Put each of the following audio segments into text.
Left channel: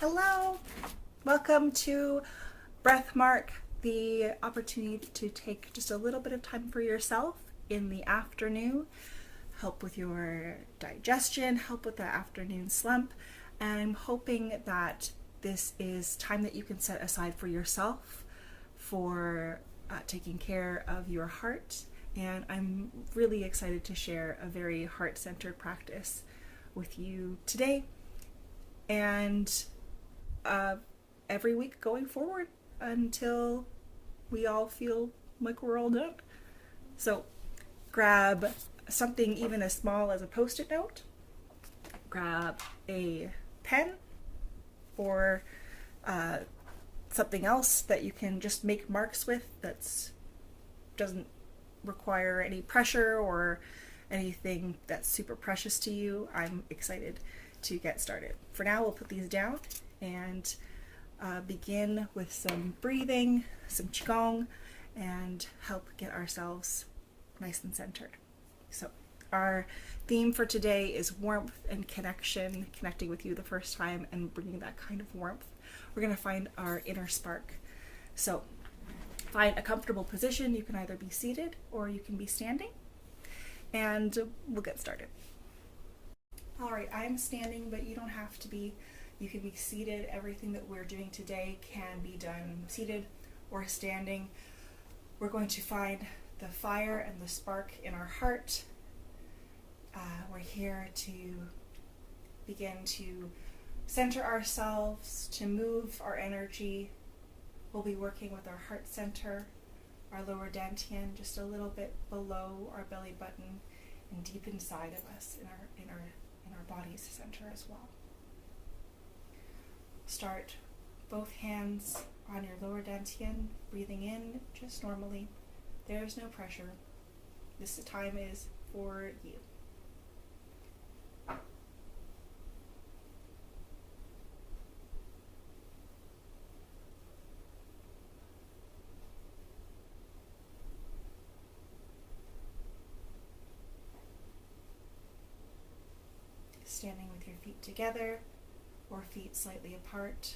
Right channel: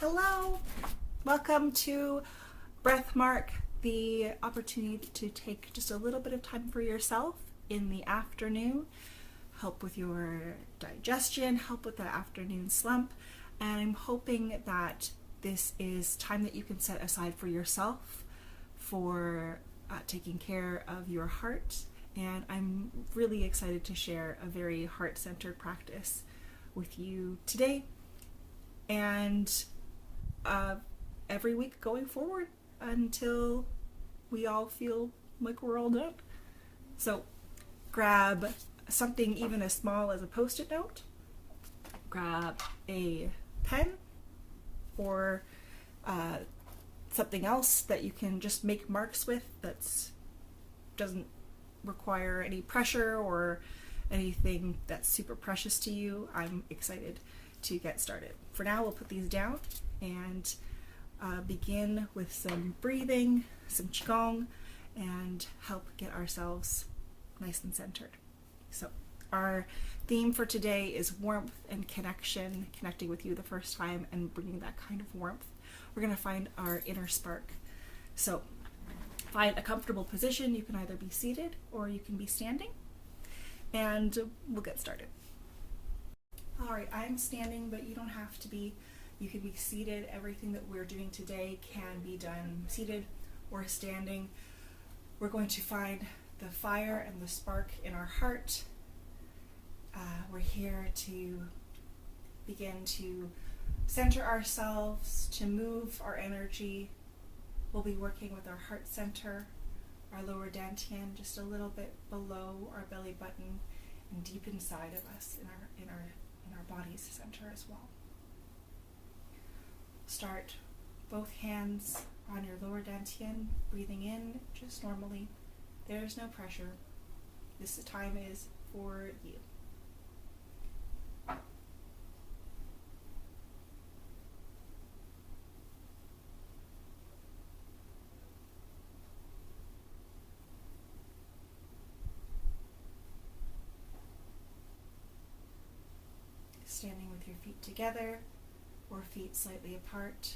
Hello, welcome to Breathmark, the opportunity to take just a little bit of time for yourself in the afternoon, help with your digestion, help with the afternoon slump, and I'm hoping that this is time that you can set aside for yourself, for taking care of your heart, and I'm really excited to share a very heart-centered practice with you today and every week going forward until we all feel like we're all done. So grab something even as small as a Post-it note, grab a pen or something else that you can just make marks with that doesn't require any pressure or anything that's super precious to you. I'm excited to get started. For now, we'll put these down and begin with some breathing, some qigong, and help get ourselves nice and centered. So our theme for today is warmth and connection, connecting with you the first time and bringing that kind of warmth. We're going to find our inner spark. So find a comfortable position. You can either be seated or you can be standing, and we'll get started. All right, I'm standing, but you don't have to be. You can be seated. Everything that we're doing today can be done seated or standing. We're going to find the fire and the spark in our heart. We're here to begin to center ourselves, to move our energy. We'll be working with our heart center, our lower dantian, just a little bit below our belly button and deep inside of us in our body's center as well. Start both hands on your lower dantian, breathing in just normally. There's no pressure. This time is for you. Standing with your feet together or feet slightly apart.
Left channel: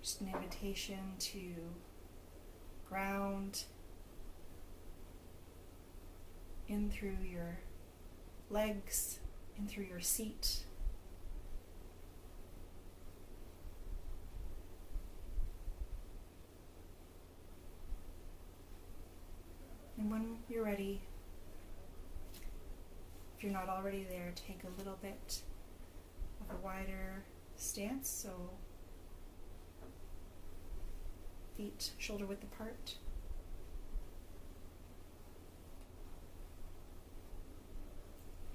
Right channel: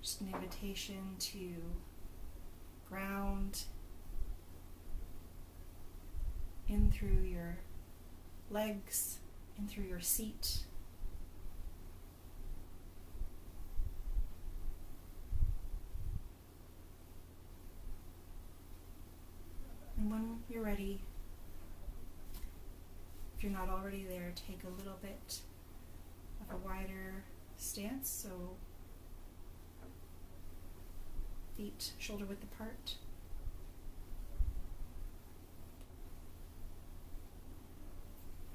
Just an invitation to ground in through your legs, in through your seat. And when you're ready, if you're not already there, take a little bit of a wider stance, so feet shoulder width apart.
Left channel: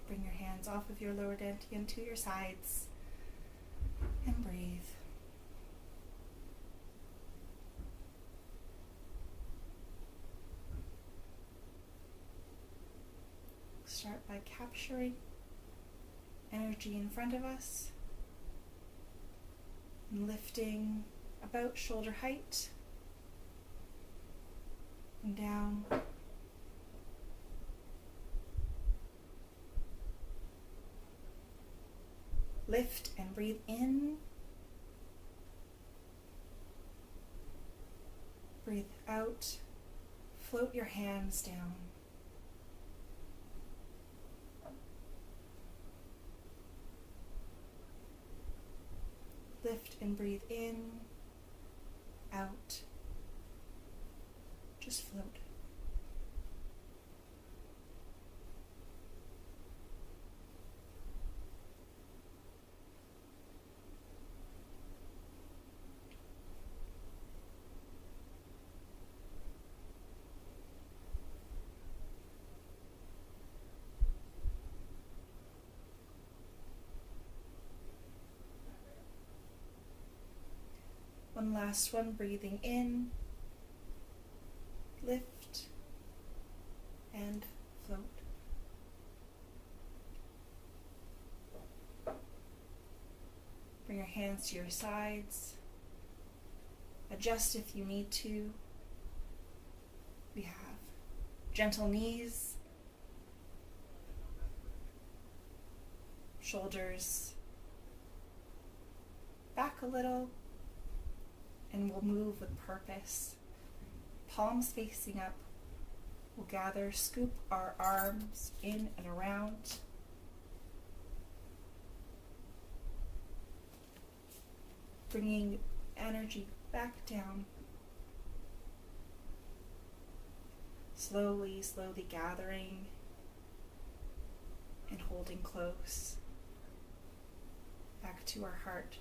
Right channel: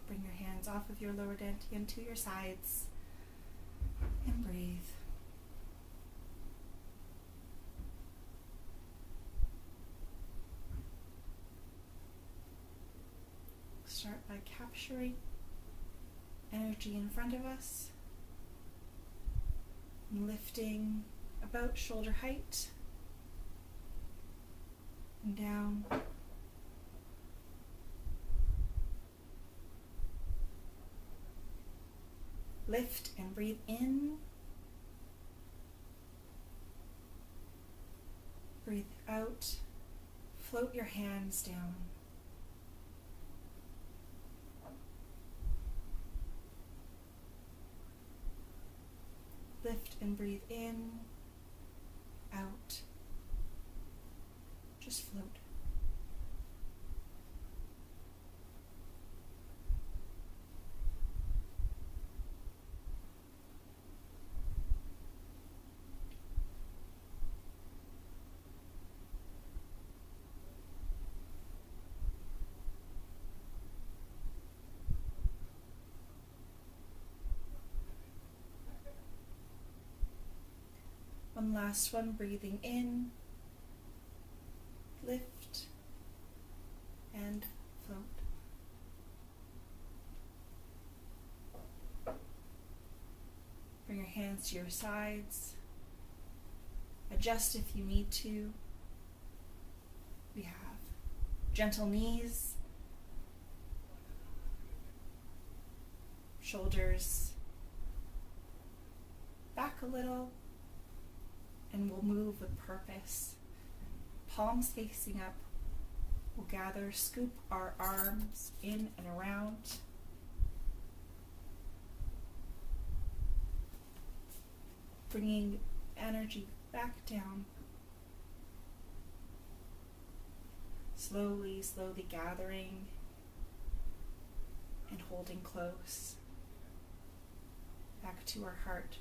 Bring your hands off of your lower dantian to your sides and breathe. Start by capturing energy in front of us and lifting about shoulder height and down. Lift and breathe in. Breathe out. Float your hands down. Lift and breathe in, out, just float. One last one, breathing in, lift, and float. Bring your hands to your sides. Adjust if you need to. We have Gentle knees, shoulders back a little, and we'll move with purpose. Palms facing up. We'll gather, scoop our arms in and around. Bringing energy back down. Slowly, slowly gathering and holding close. Back to our heart.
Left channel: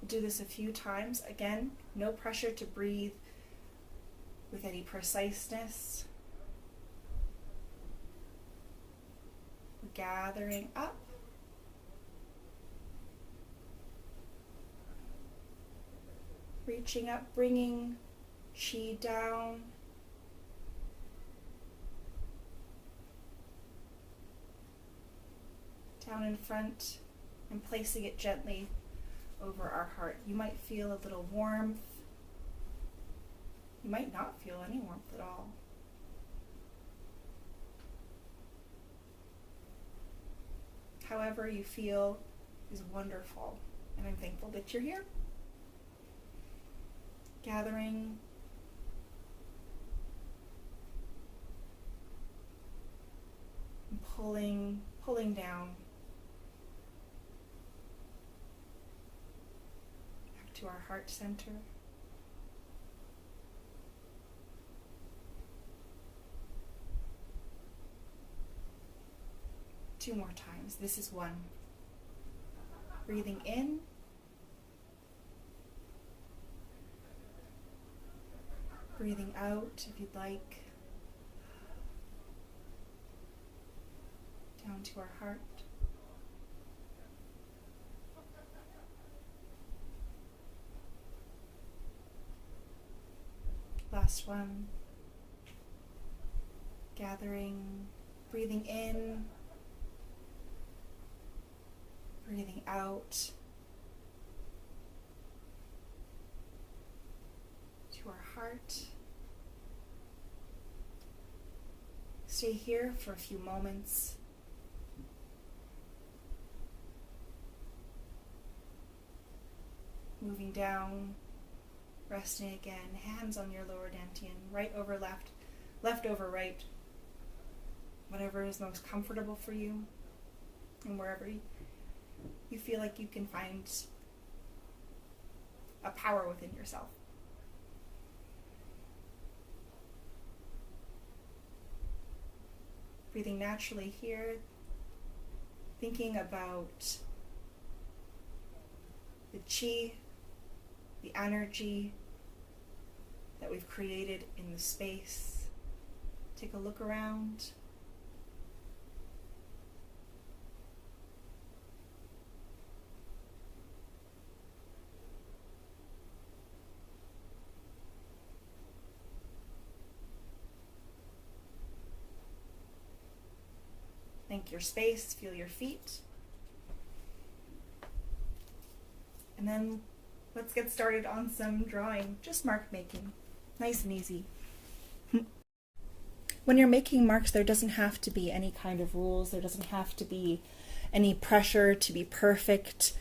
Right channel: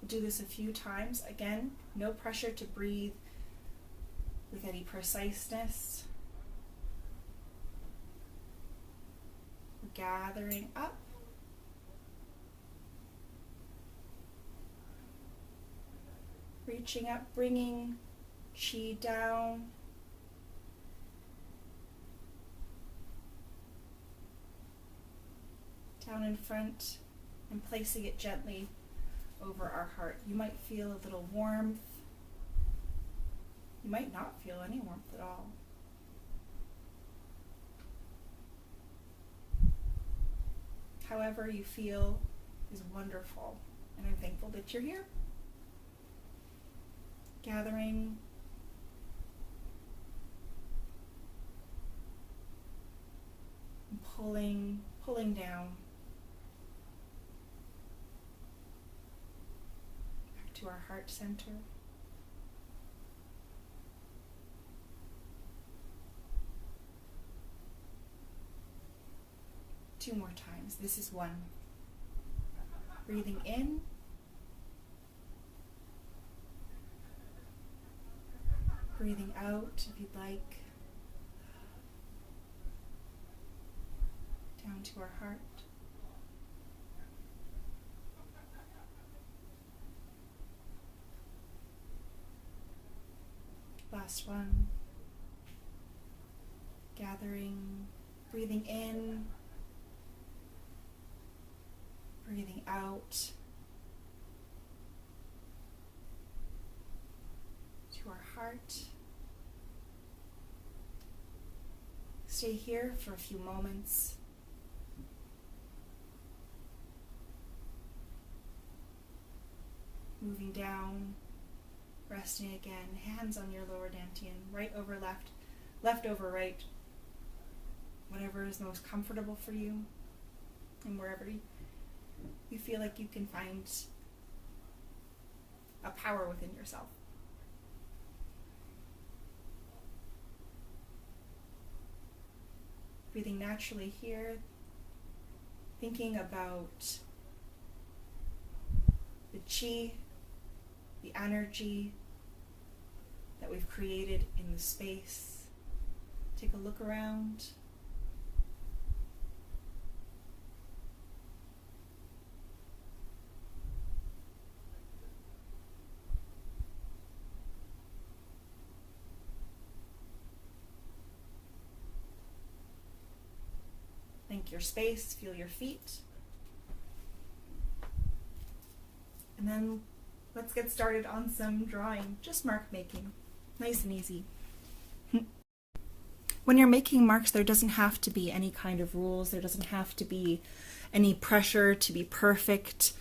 We'll do this a few times. Again, no pressure to breathe with any preciseness. We're gathering up. Reaching up, bringing chi down. Down in front and placing it gently over our heart. You might feel a little warmth. You might not feel any warmth at all. However you feel is wonderful, and I'm thankful that you're here. Gathering, and pulling down back to our heart center. Two more times. This is one. Breathing in. Breathing out if you'd like. Down to our heart. Last one. Gathering, breathing in, breathing out to our heart. Stay here for a few moments. Moving down, resting again, hands on your lower dantian, right over left, left over right, whatever is most comfortable for you, and wherever you feel like you can find a power within yourself. Breathing naturally here, thinking about the chi, the energy that we've created in the space. Take a look around. Thank your space, feel your feet. And then let's get started on some drawing, just mark making, nice and easy. When you're making marks, there doesn't have to be any kind of rules, there doesn't have to be any pressure to be perfect.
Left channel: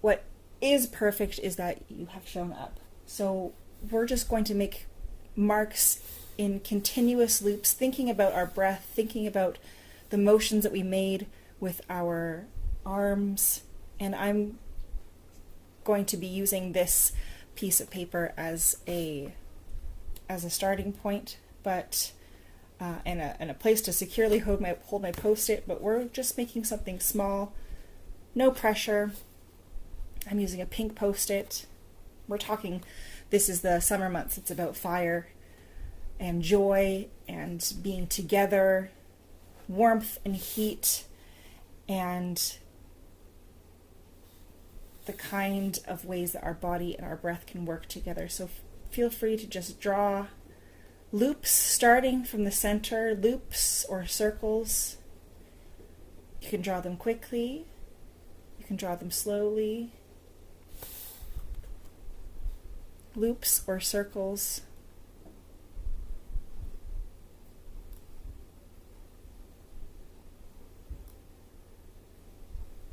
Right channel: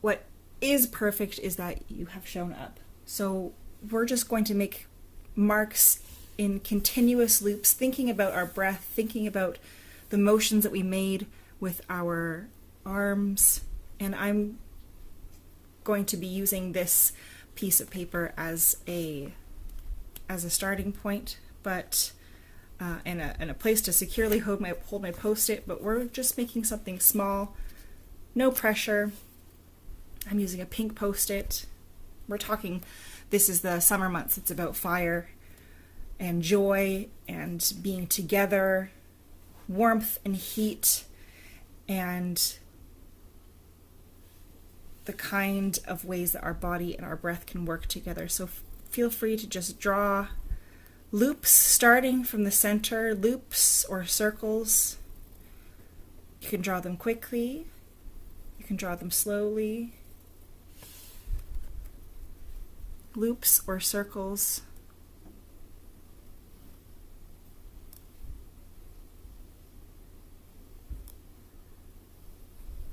What is perfect is that you have shown up. So we're just going to make marks in continuous loops, thinking about our breath, thinking about the motions that we made with our arms. And I'm going to be using this piece of paper as a starting point, but and a place to securely hold my Post-it. But we're just making something small, no pressure. I'm using a pink Post-it. We're talking. This is the summer months. It's about fire and joy and being together, warmth and heat, and the kind of ways that our body and our breath can work together. So feel free to just draw loops starting from the center, loops or circles. You can draw them quickly, you can draw them slowly, loops or circles.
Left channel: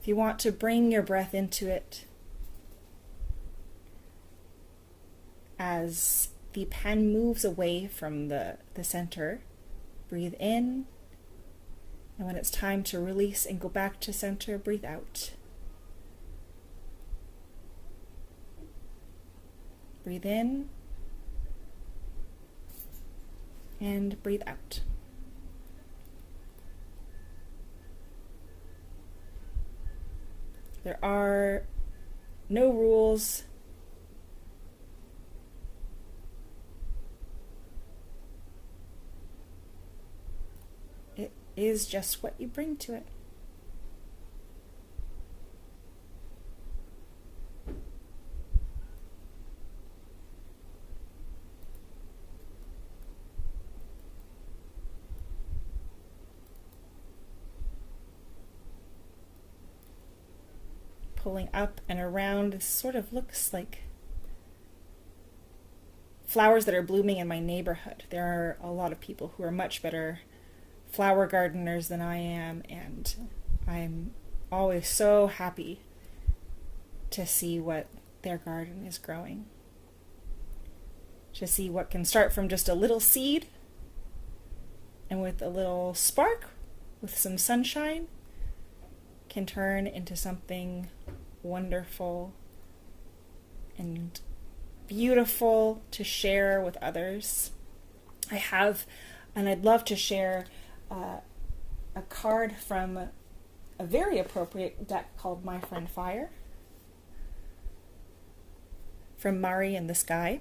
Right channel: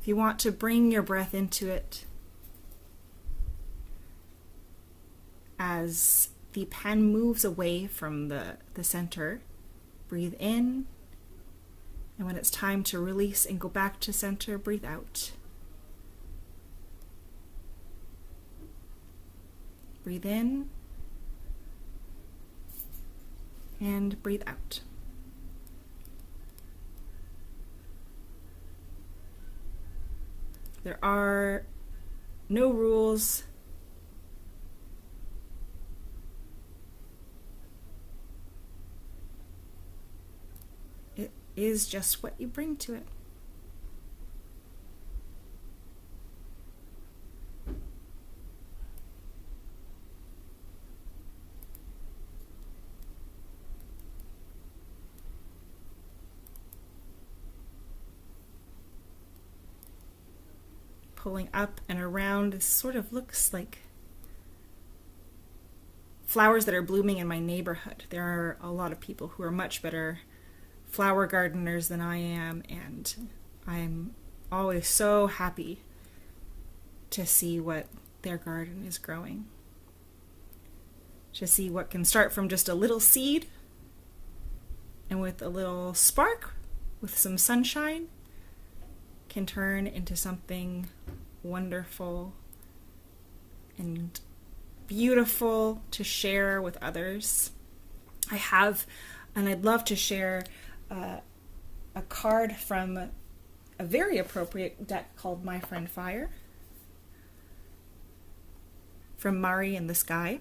If you want to bring your breath into it as the pen moves away from the center, breathe in, and when it's time to release and go back to center, breathe out. Breathe in and breathe out. There are no rules. It is just what you bring to it. Pulling up and around, this sort of looks like flowers that are blooming in my neighborhood. There are a lot of people who are much better flower gardeners than I am, and I'm always so happy to see what their garden is growing. To see what can start from just a little seed, and with a little spark, with some sunshine, can turn into something wonderful and beautiful to share with others. I have, and I'd love to share a card from a very appropriate deck called My Friend Fire from Mari in the Sky.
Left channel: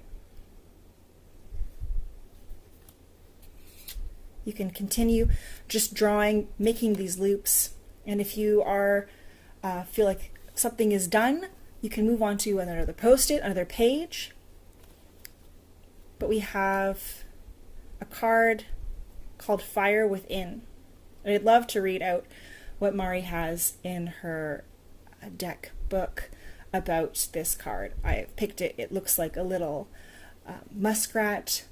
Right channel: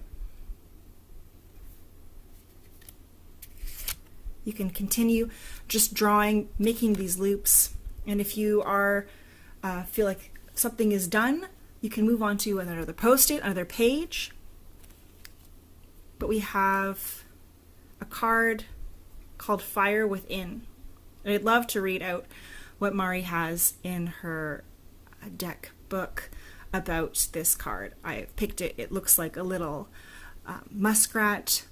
You can continue just drawing, making these loops, and if you are feel like something is done, you can move on to another post-it, another page. But we have a card called Fire Within. And I'd love to read out what Mari has in her deck book about this card. I picked it. It looks like a little muskrat.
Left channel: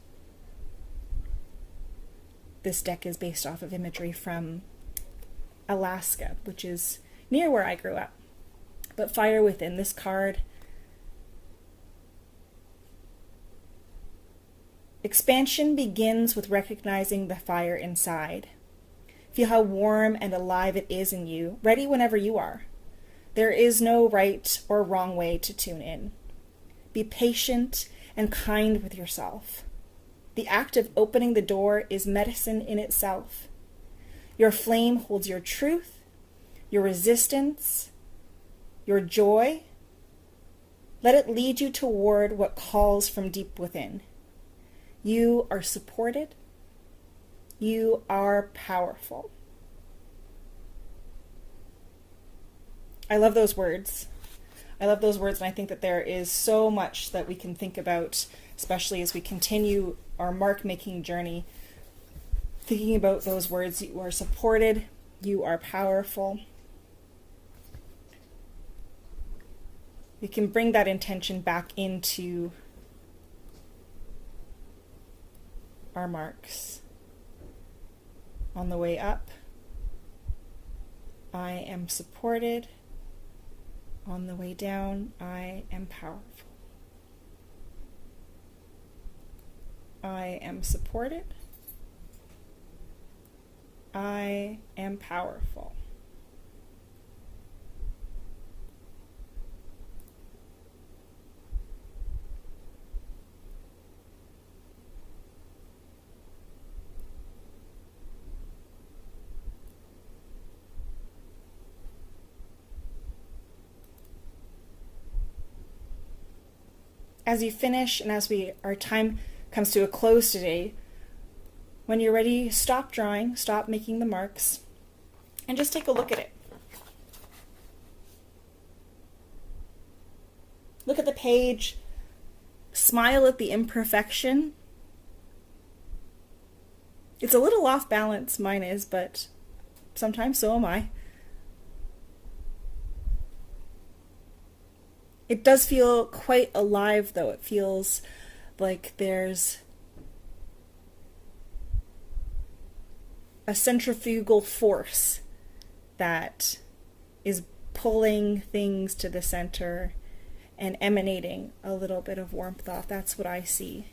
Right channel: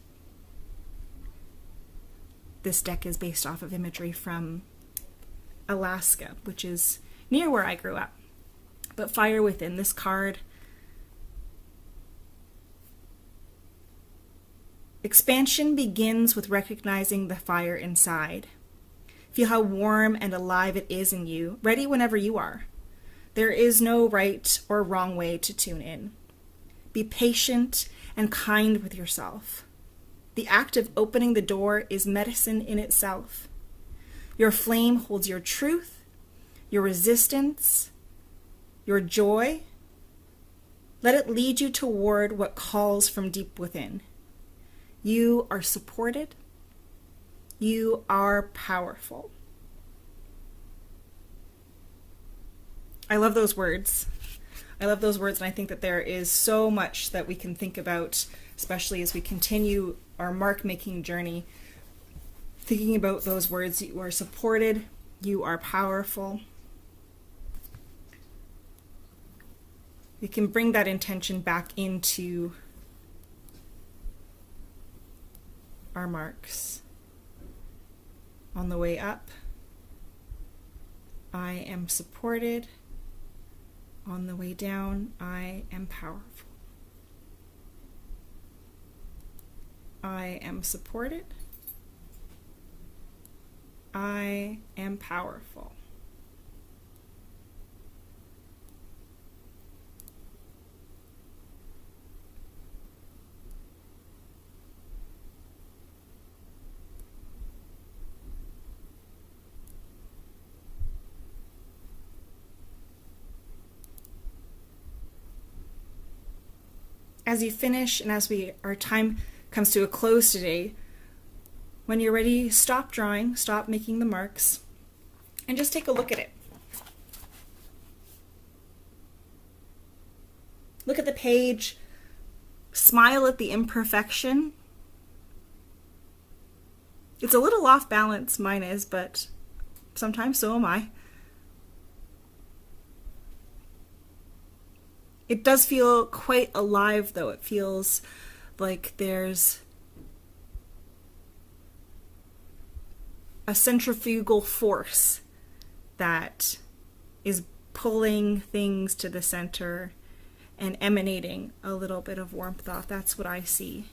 This deck is based off of imagery from Alaska, which is near where I grew up. But Fire Within, this card, expansion begins with recognizing the fire inside. Feel how warm and alive it is in you, ready whenever you are. There is no right or wrong way to tune in. Be patient and kind with yourself. The act of opening the door is medicine in itself. Your flame holds your truth, your resistance, your joy. Let it lead you toward what calls from deep within. You are supported. You are powerful. I love those words. I love those words, and I think that there is so much that we can think about, especially as we continue our mark-making journey. Thinking about those words, you are supported, you are powerful. We can bring that intention back into our marks. On the way up, I am supported. On the way down, I am powerful. I am supported. I am powerful. As you finish and as our time comes to a close today, when you're ready, stop drawing, stop making the marks, and just take a look at it. Look at the page, smile at the imperfection. It's a little off balance, mine is, but sometimes so am I. It does feel quite alive, though. It feels like there's a centrifugal force that is pulling things to the center and emanating a little bit of warmth off. That's what I see.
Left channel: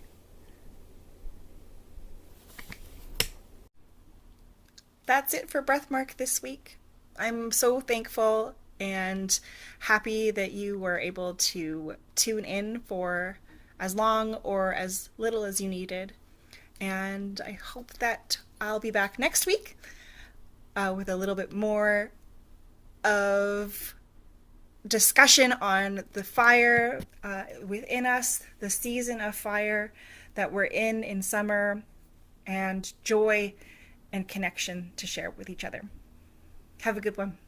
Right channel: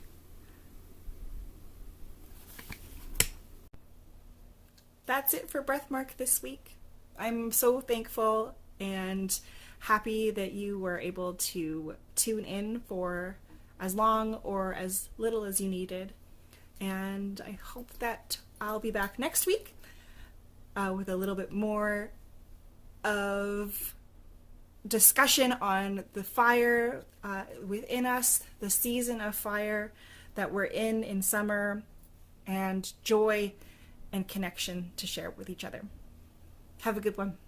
That's it for Breathmark this week. I'm so thankful and happy that you were able to tune in for as long or as little as you needed. And I hope that I'll be back next week with a little bit more of discussion on the fire within us, the season of fire that we're in summer, and joy and connection to share with each other. Have a good one.